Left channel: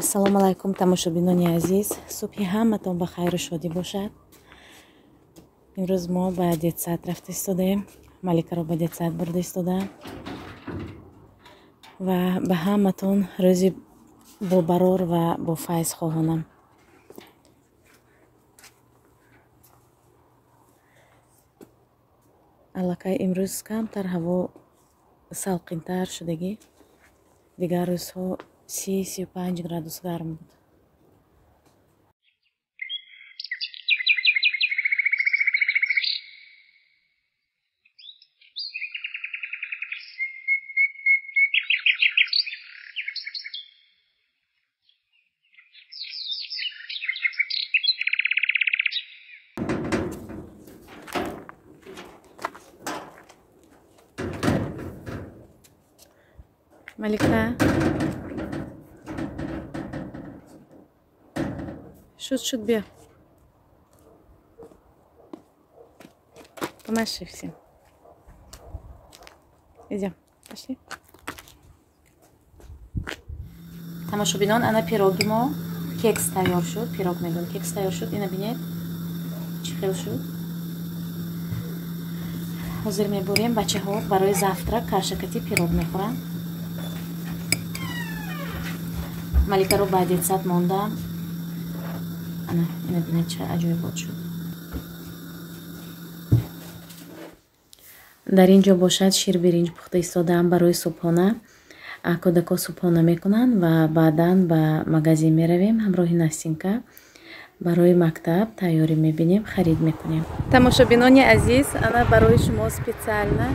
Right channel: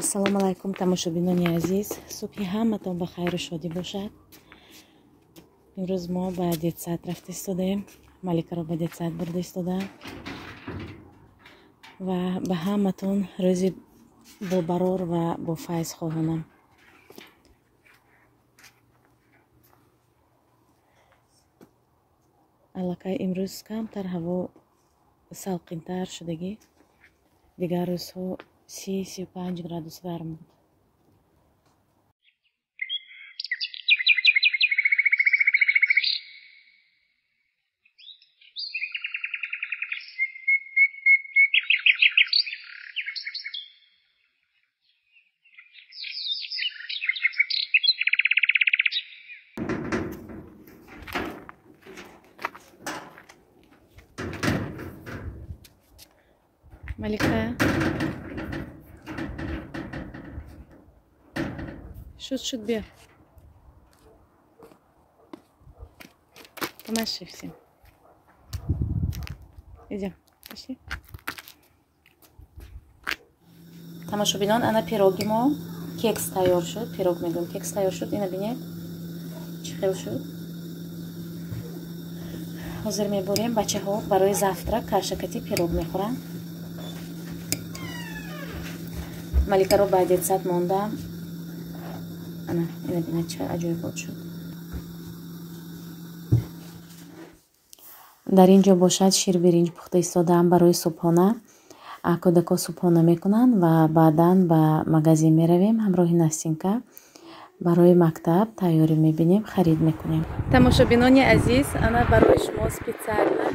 ассалому алайкум тамошобинони азиз, субҳи ҳаматон ба хайру шодӣ бошад. имрӯз мо ба детсад рафта истодаем, маликаро ба детсад бурда истодам ва ба ҳаматон рӯзи бобарор ва бофайз хоҳонам. аллакай имрӯз камтар ҳаво салқинтар шудагӣ, дигар рӯзҳо 30-35 градус гарм буд. Малика, шуд бия. Помаши всем. Идем. Пошли. Тамошобинон, ана пироги мо кекс тайёр шуд. Пирог мегӯем, кекс тайёр шуд. Ина бинед. Чӣ хел шуд? ҳозир мебурем. Бачаҳо барои завтрак каршакати пирог мехӯранд. Маликаро ба детсад мондам. Ана ина бинед ча аҷоибот шуд. дар ин ҷо бошад ширбиринҷ пухта истодаам барои субҳона. кӯдако субҳона мекунанд ва баъдан ба магазин меравем. ҳамроҳи Настинка барои мактаб тайёрӣ мебинем, харид мекунем. Тамошобинони азиз, ана барои шумо специально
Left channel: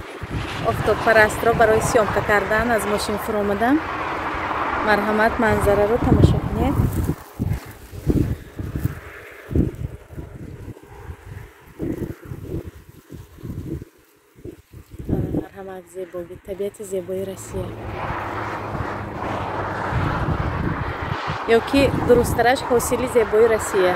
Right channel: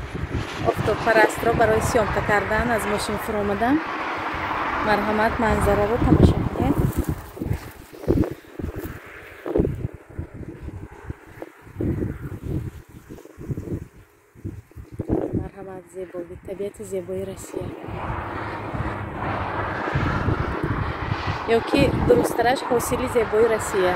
офтобпарастро барои сёмка кардан аз мошин фуромадам. марҳамат, манзараро тамошо кунед. марҳамат, зебоӣ, табиати зебои Россия. ё ки дурусттараш ҳосили зебои Россия.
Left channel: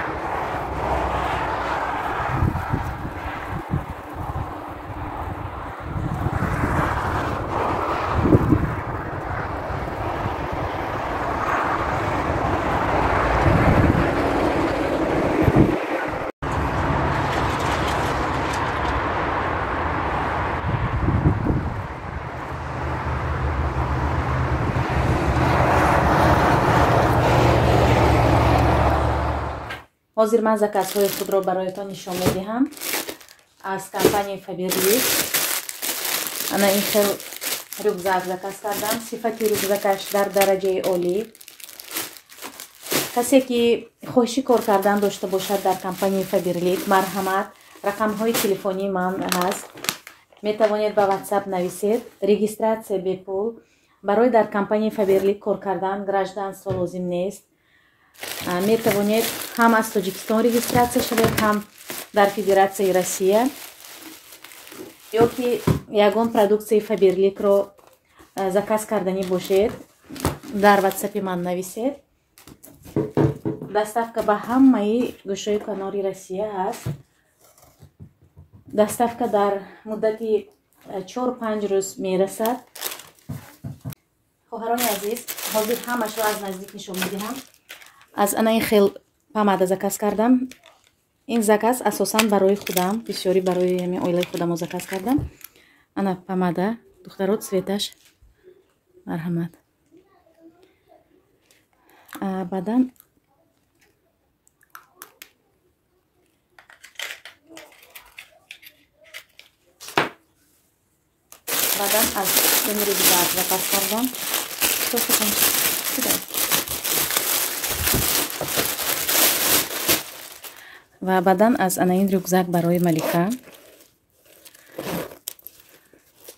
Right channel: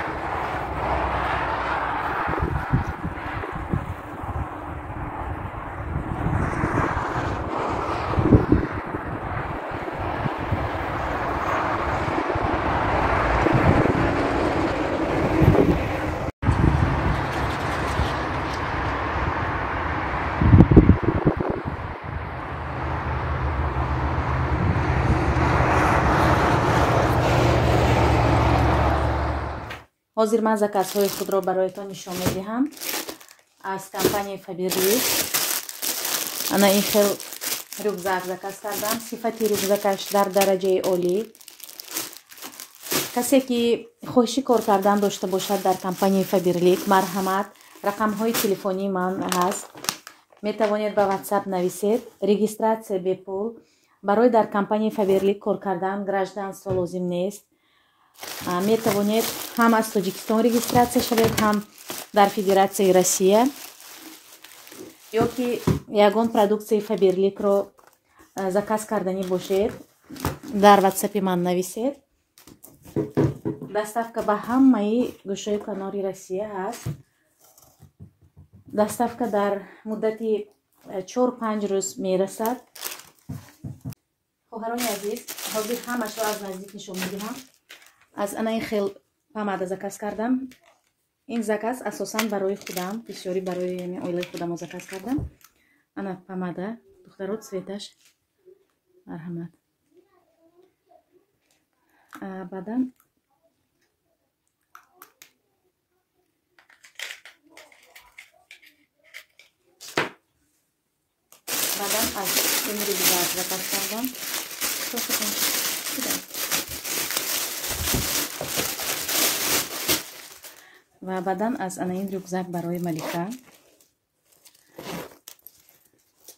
ҳозир ман заказҳои худро бароятон нишон медиҳам аз компанияи Faberlic. ана ин хел рюкзак заказ кардам. сифати рюкзакаш дар дараҷаи олӣ. касе ки хоҳиши кор кардан дошта бошад дар компанияи Faberlic, марҳамат, рақамҳои телефонии ман ҳаст. метавонед ба WhatsApp нависед. регистратсия бепул. барои дар компанияи Faberlic кор кардан гражданство лозим нест. метавонед ҳам аз Тоҷикистон регистратсия шавед, ҳам дар Федератсияи Россия. ё ки ягон продуксияи Faberlicро заказ карданӣ бошед, дар WhatsApp-и ман нависед. доставка ба ҳамаи гӯшаи канори Россия ҳаст. доставка дар муддати 4-5 рӯз мерасад. хоҳарони азиз, ҳозир ҳамашро аз наздик нишон медиҳам. аз ана ин хел помада заказ кардам. ин заказ асосан барои худам, бисёри барои оилаи худамо заказ кардам. ана помада, духтаро цветаш. марҳамат. баъдан аз ин рюкзак заказ кардам. ва баъдан аз ана ин рюкзак барои Малика.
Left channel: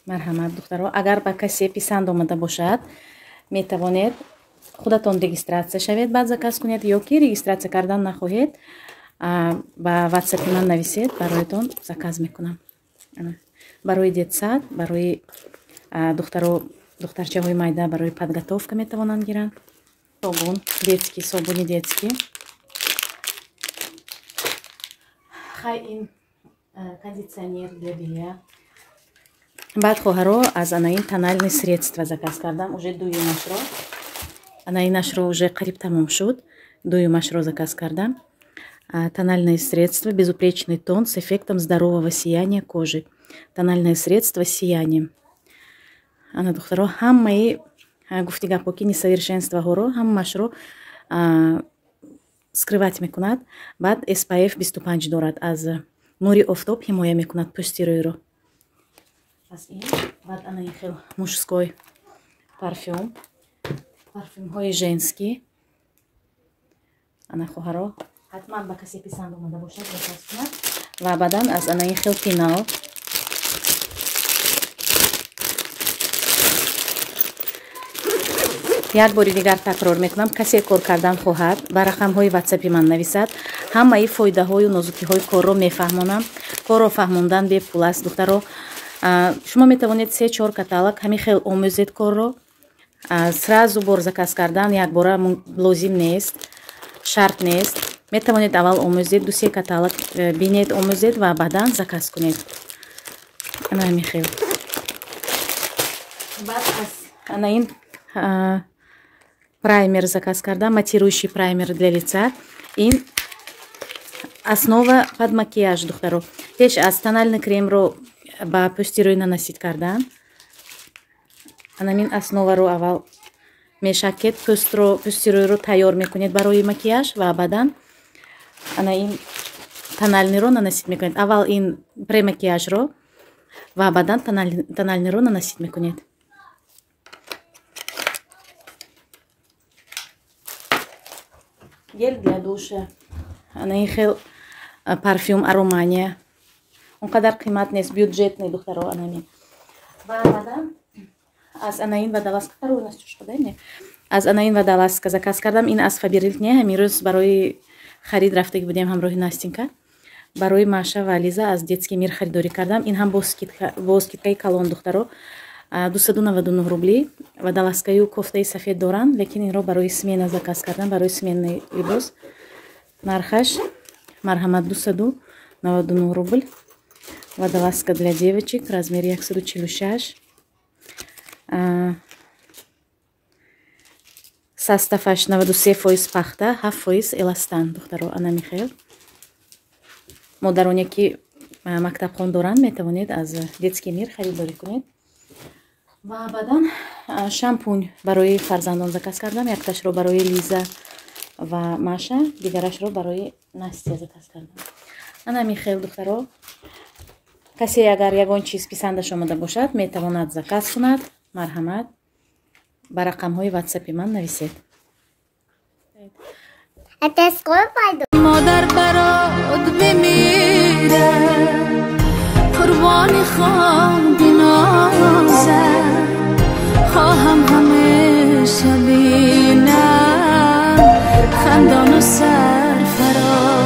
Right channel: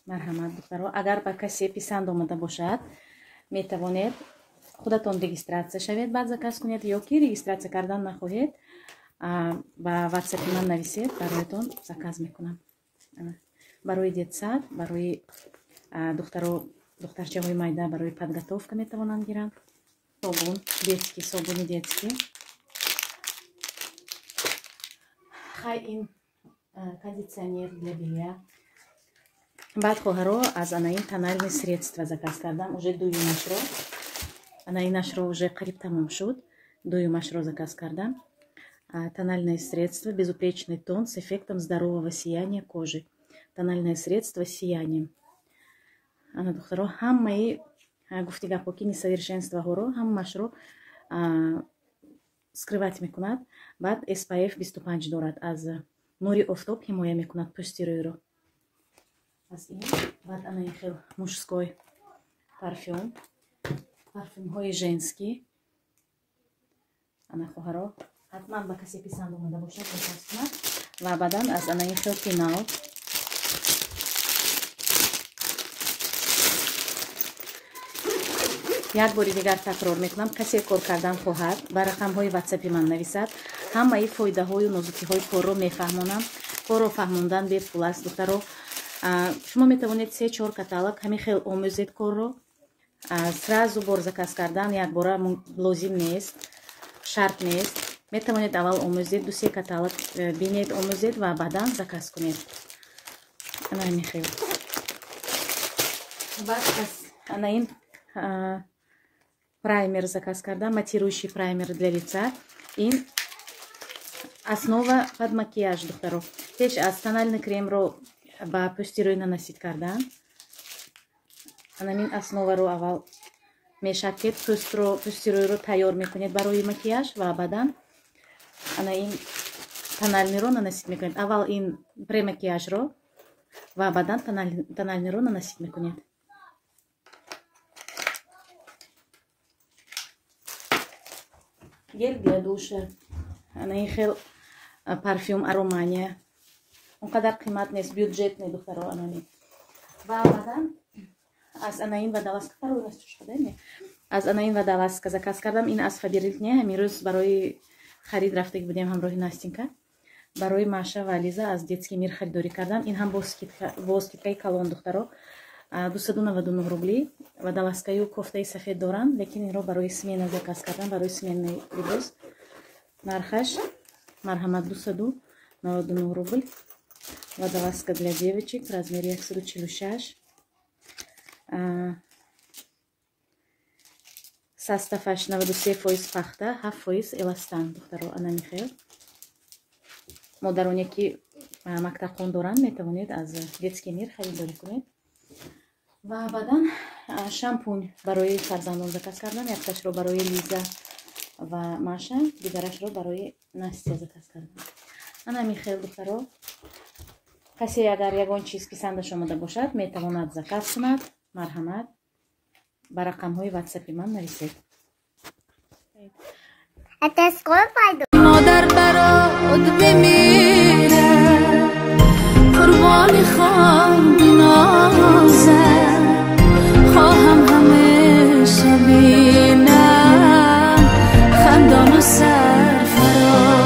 марҳамат, духтаро. агар ба касе писанд омада бошад, метавонед худатон регистратсия шавед, баъд заказ кунед, ё ки регистратсия кардан нахоҳед, ба WhatsApp ман нависед, бароятон заказ мекунам. барои детсад, барои духтарчаҳои майда барои подготовка метавонанд гиранд. собун детский, собуни детский. хай ин кондитсионер для белья. баъд хоҳаро аз ана ин тональные средства заказ кардам, уже дуюмашро. Инашро уже қариб тамом шуд. Дуюмашро заказ кардам. Тональное средство «Безупречный тон» с эффектом здорового сияния кожи. Тональное средство с сиянием. Ана духтаро ҳамаи гуфти гапоки несовершенстваҳоро ҳамаашро скрывать мекунад. Баъд SPF 25 дорад. Аз нури офтоб ҳимоя мекунад пӯсти рӯйро. Баъд ана ин хел мужской парфюм. Парфюмҳои женский. Ана хоҳаро ҳатман ба касе писанд омада бошад заказ кунад. Ва баъдан аз ана ин хел пинал. як бори дигар такрор мекунам. Касе кор кардан хоҳад ба рақамҳои ватсапи ман нависад. Ҳамаи фоидаҳою нозукиҳои корро мефаҳмонам. Корро фаҳмондан бепул аст. духтаро шумо метавонед 3-4 каталог ҳамин хел омӯзед корро. Сразу бор заказ кардан якбора лозим нест, шарт нест. Метавонед аввал омӯзед, 2-3 каталог бинед, омӯзед ва баъдан заказ кунед. Ҳамин хел. Баъд аз ана ин праймер заказ кардам, матирующий праймер для лица. Ин основа под макияж, духтаро. Пеш аз тональный кремро ба пӯсти рӯй нанасид кардан. Анамин основаро аввал мешакед, пӯсти рӯйро тайёр мекунед барои макияж ва баъдан ана ин тональниро нанасид мекунед. Аввал ин премакияжро ва баъдан тональниро нанасид мекунед. Гель для душа. Ана ин хел парфюм Аромания. Он қадар қимат нест, бюджетный, духтаро анамин. Ва баъдан аз ана ин водолазка аз ана ин водолазка заказ кардам. Ин аз Фаберлик не. Ҳамирӯз барои харид рафтаги будем ҳамроҳи Настенька. Барои Маша ва Лиза аз детский мир харидорӣ кардам. Ин ҳам бо скидкаи калон, духтаро. 299 рубли. Водолазкаю кофтаи сафед доранд, лекин инро барои смена заказ кардам, барои сменный либос. Нархаш марҳамат 299 рубль. Водолазка для девочек, размер 146. Составаш 93% пахта, 7% эластан, духтаро ана михел. Модароне ки мактабхон доранд, метавонед аз детский мир харидорӣ кунед. Ва баъдан шампунь барои фарзандон заказ кардам. Якташро барои Лиза ва Маша, дигарашро барои Настя заказ кардам. Ана михел, духтаро. Касе агар ягон чиз писандаш омада бошад, метавонад заказ кунад. Марҳамат. Ба рақамҳои ватсапи ман нависед. مادر برات بمیره قربانی خوام بنازه خواهم همیشه بینم خندان و سرفرازه.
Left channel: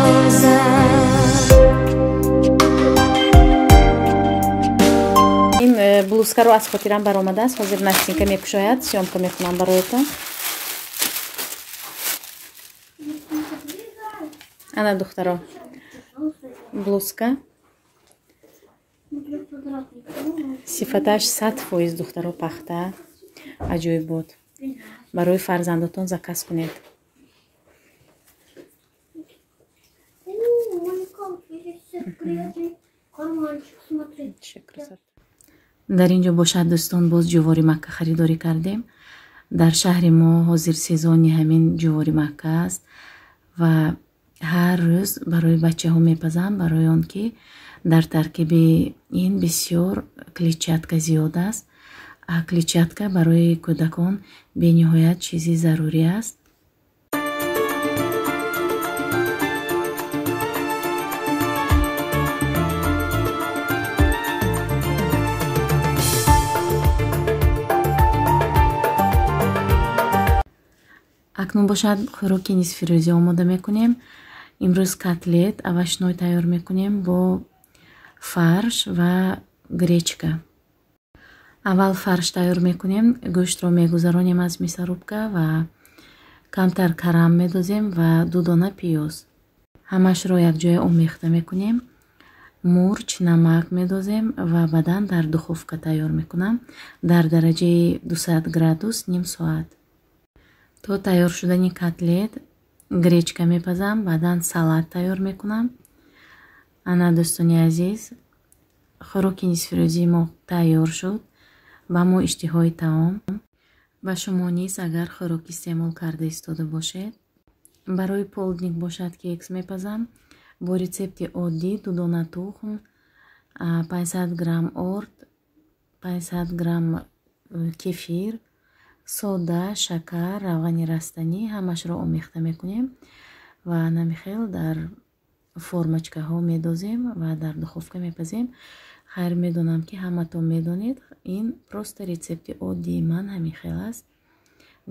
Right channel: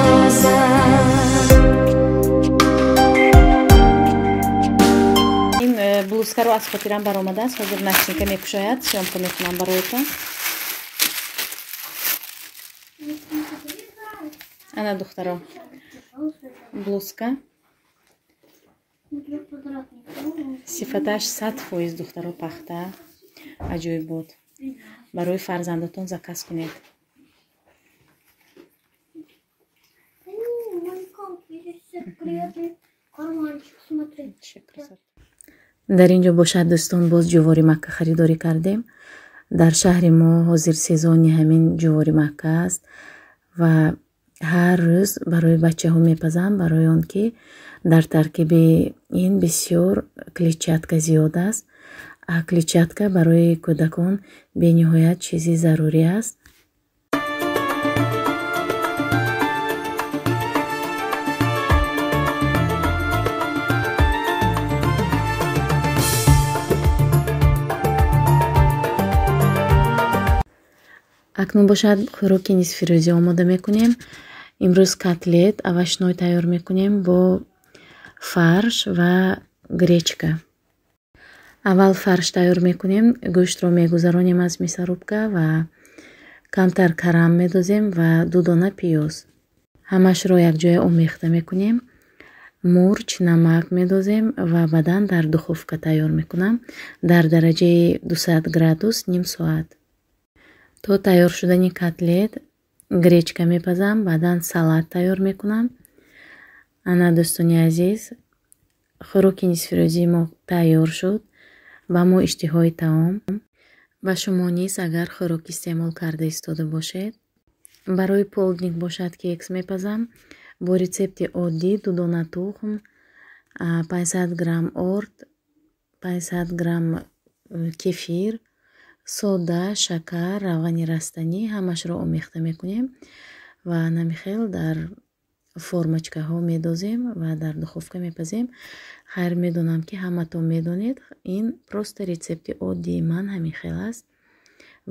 این блузка رو از خاطرم برآمده است. حاضر Настенька мекушояд. سیامکا میکنم برایتان. Ана духтаро блузка. Сифаташ 100% духтаро пахта. Аҷоиб буд. Барои фарзандатон заказ кунед. дар ин ҷо бошад дӯстон, боз ҷувори Макка харидорӣ кардем. Дар шаҳри мо ҳозир сезони ҳамин ҷувори Макка аст ва ҳар рӯз барои бачаҳо мепазам, барои он ки дар таркиби ин бисёр клетчатка зиёд аст. Клетчатка барои кӯдакон бениҳоят чизи зарурӣ аст. акнун бошад хӯроки нисфирӯзӣ омода мекунем. имрӯз котлет авашной тайёр мекунем бо фарш ва гречка. аввал фарш тайёр мекунем. гӯштро мегузаронем аз мясорубка ва камтар карам медозем ва 2 дона пиёз. ҳамашро якҷоя омехта мекунем. мурч, намак медозем ва баъдан дар духовка тайёр мекунам дар дараҷаи 200 градус ним соат. то тайёр шудани котлет гречка мепазам, баъдан салат тайёр мекунам. ана дӯстони азиз, хӯроки нисфирӯзии мо тайёр шуд. ба мо иштиҳои таом. ба шумо низ агар хӯрок истеъмол карда истода бошед, барои полдник бошад кекс мепазам. бо рецепти оддӣ 2 дона тухм, 500 грамм орд, 500 грамм кефир, сода, шакар, равғани растанӣ ҳамашро омехта мекунем ва намихел дар формочкаҳо медозем ва дар духовка мепазем. хайр медонам ки ҳаматон медонед, ин просто рецепти оддии ман ҳамин хел аст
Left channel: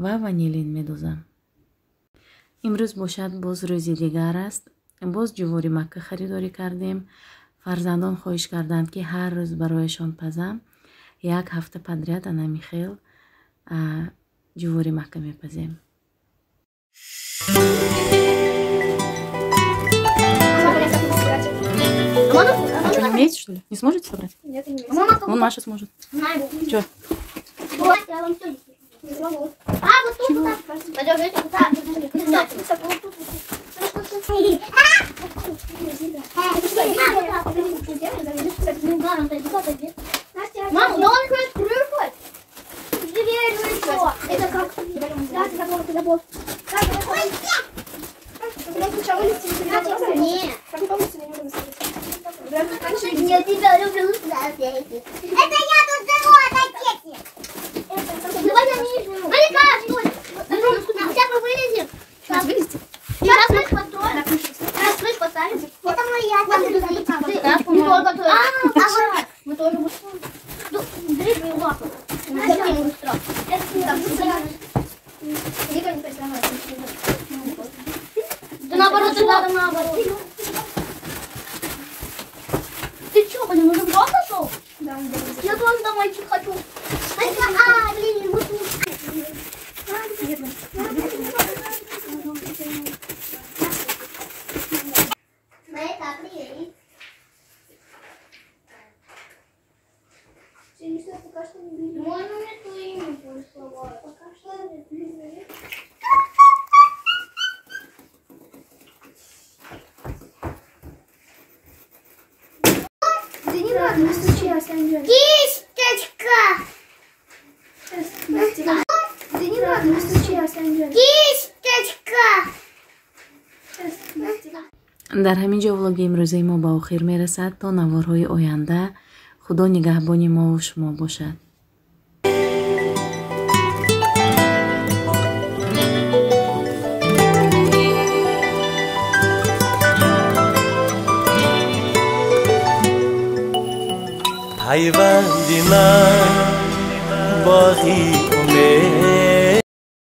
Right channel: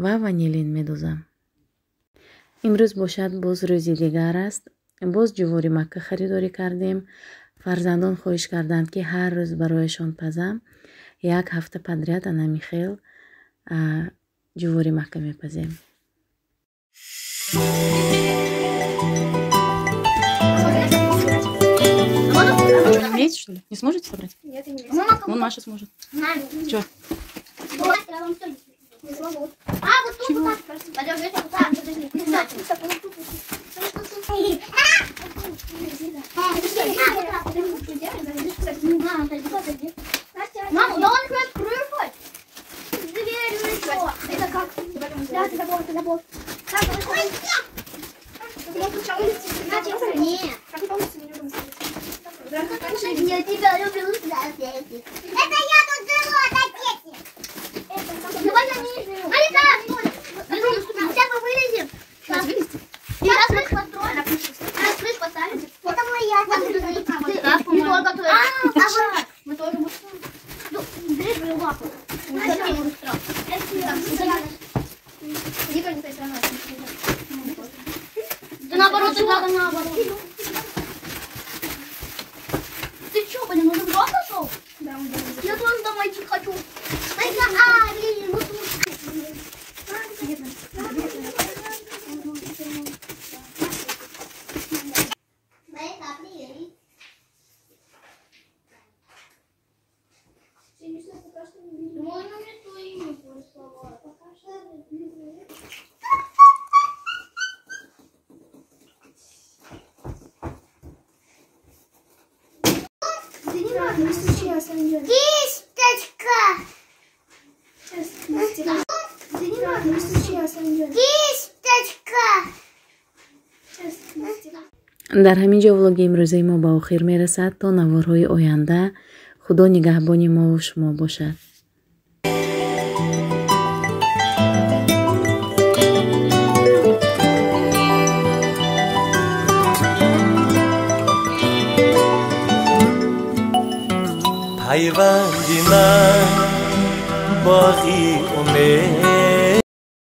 ва ванилин медозам. имрӯз бошад боз рӯзи дигар аст. боз ҷувори макка харидорӣ кардем. фарзандон хоҳиш карданд ки ҳар рӯз барояшон пазам. як ҳафта подряд ҳамин хел ҷувори макка мепазем. А что, не умеете, что ли? Не сможете собрать? Нет, не Вон Маша сможет. Что? Вот, я вам что не смогу. А, вот тут вот так. Пойдем, это вот так. Мама, да он хоть прыгать. Дверь еще. Это как? Да, ты забыл, ты забыл. Нет. Я тебя люблю. Это я тут живу, отойдите. Давай я нижнюю. Сейчас мы вылезем. Сейчас вылезем. Сейчас крыш построим. Сейчас крыш поставим. Это моя. Мы тоже будем. Бери свою лапу. Ты наоборот, ты надо наоборот. Ты что, блин, уже в дом зашел? Да, я тоже домой хочу. Блин, вот кисточка. Да не надо, не стучи, кисточка. дар ҳамин ҷо влоги имрӯзаи мо ба охир мерасад. то наворҳои оянда, худо нигаҳбони мо ва шумо бошад. پیوندی من باقی امید